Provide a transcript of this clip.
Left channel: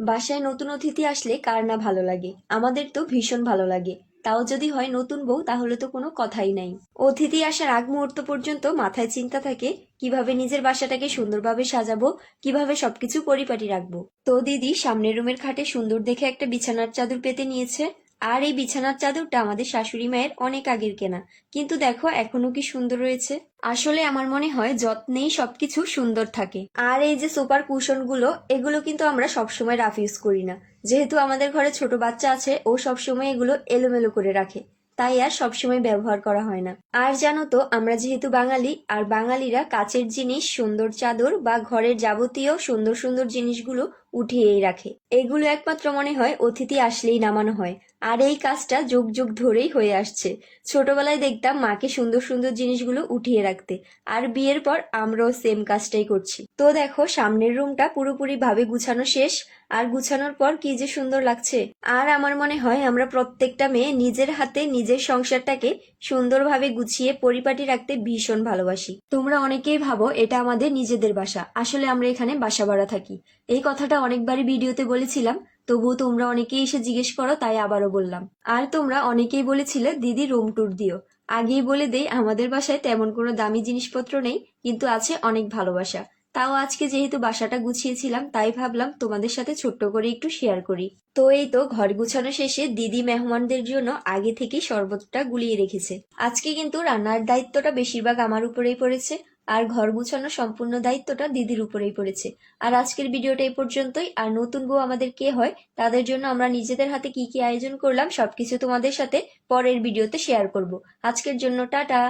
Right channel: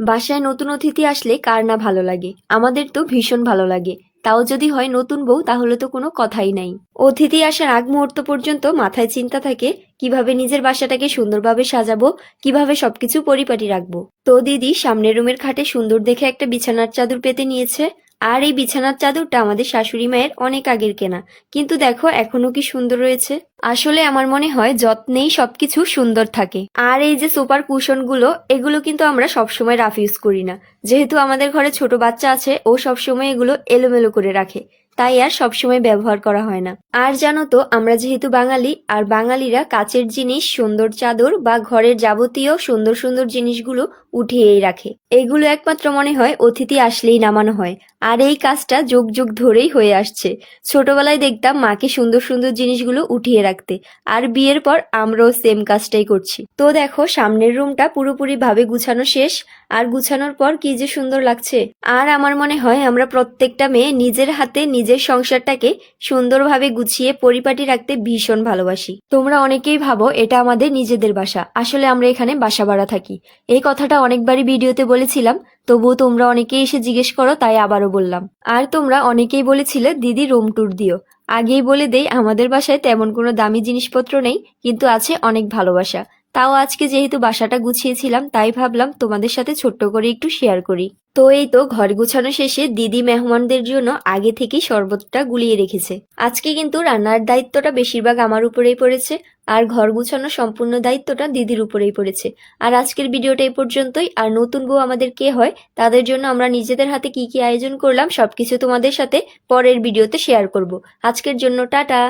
বাসায় নতুন অতিথি আসলে কার না ভালো লাগে? আমাদের তো ভীষণ ভালো লাগে। তাও যদি হয় নতুন বউ, তাহলে তো কোনো কথাই নাই। অতিথি আসার আগ মুহূর্ত পর্যন্ত মাথায় চিন্তা থাকে কিভাবে নিজের বাসাটাকে সুন্দরভাবে সাজাবো, কিভাবে সবকিছু পরিপাটি রাখবো। তো দিদি সামনের রুমের খাটে সুন্দর দেখে একটা বিছানার চাদর পেতে নিয়েছে। আর এই বিছানার চাদরটা আমাদের শাশুড়ি মায়ের অনেক আগের কেনা, কিন্তু দেখো এখনো কি সুন্দর রয়েছে। আসলে আমার মনে হয় যত্নেই সবকিছু সুন্দর থাকে। আর এই যে সুপার কুশন গুলো, এগুলো কিন্তু আমরা সবসময় রাফ ইউজ করি না। যেহেতু আমাদের ঘরে ছোট বাচ্চা আছে, ও সবসময় এগুলো এলোমেলো করে রাখে, তাই আর সবসময় ব্যবহার করা হয় না। আর জানো তো, আমরা যেহেতু বাঙালি, আর বাঙালিরা কাচের জিনিস, সুন্দর চাদর বা ঘরের যাবতীয় সুন্দর সুন্দর জিনিসগুলো উঠিয়েই রাখে। এগুলো একমাত্র মনে হয় অতিথি আসলেই নামানো হয়। আর এই কাজটা যুগ যুগ ধরেই হয়ে আসছে। ছোটবেলায় দেখতাম মাকে সুন্দর সুন্দর জিনিসগুলো উঠিয়ে রাখতে, আর বিয়ের পর আমরাও সেম কাজটাই করছি। তো দেখো সামনের রুমটা পুরোপুরি ভাবে গুছানো শেষ। আর গুছানোর পর কি যে সুন্দর লাগছে। আর আমার মনে হয় আমরা প্রত্যেকটা মেয়ে নিজের হাতে নিজের সংসারটাকে সুন্দরভাবে গুছিয়ে পরিপাটি রাখতে ভীষণ ভালোবাসি। তোমরা অনেকেই ভাবো এটা আমাদের নিজেদের বাসা, আসলে আমরা এখানে বাসা ভাড়া থাকি। এই কথাটা অনেকবারই ভিডিওতে বলেছিলাম, তবুও তোমরা অনেকেই এসে জিজ্ঞেস করো, তাই আবারও বললাম। আর তোমরা অনেকেই বলেছিলে দিদি রুম ট্যুর দিও। আগেই বলে দেই, আমাদের বাসায় তেমন কোনো দামি জিনিসপত্র নেই, কিন্তু আছে অনেক ভালোবাসা। তাও আজকে যেহেতু বাসাটা গুছিয়েছিলাম, তাই ভাবলাম তোমাদের সাথে ছোট্ট করে একটু শেয়ার করি। তো এই তো ঘর গুছানো শেষে দিদি মেহমানদের জন্য আগে থেকেই শরবতটা গুলিয়ে রেখেছে। আজকে কিন্তু রান্নার দায়িত্বটা বেশিরভাগ আমার উপরেই পড়েছে, আর ঘর গুছানোর সম্পূর্ণ দায়িত্বটা দিদির উপরেই পড়েছে। আর আজকের ভিডিওটা এই পর্যন্তই। আর নতুন বউ আমাদের কে হয়, তাদের জন্য আমরা নিজেদের হাতে কি কি আয়োজন করলাম সবকিছু তোমাদের সাথে পরের ভিডিওতে শেয়ার করব। আজকের জন্য টাটা।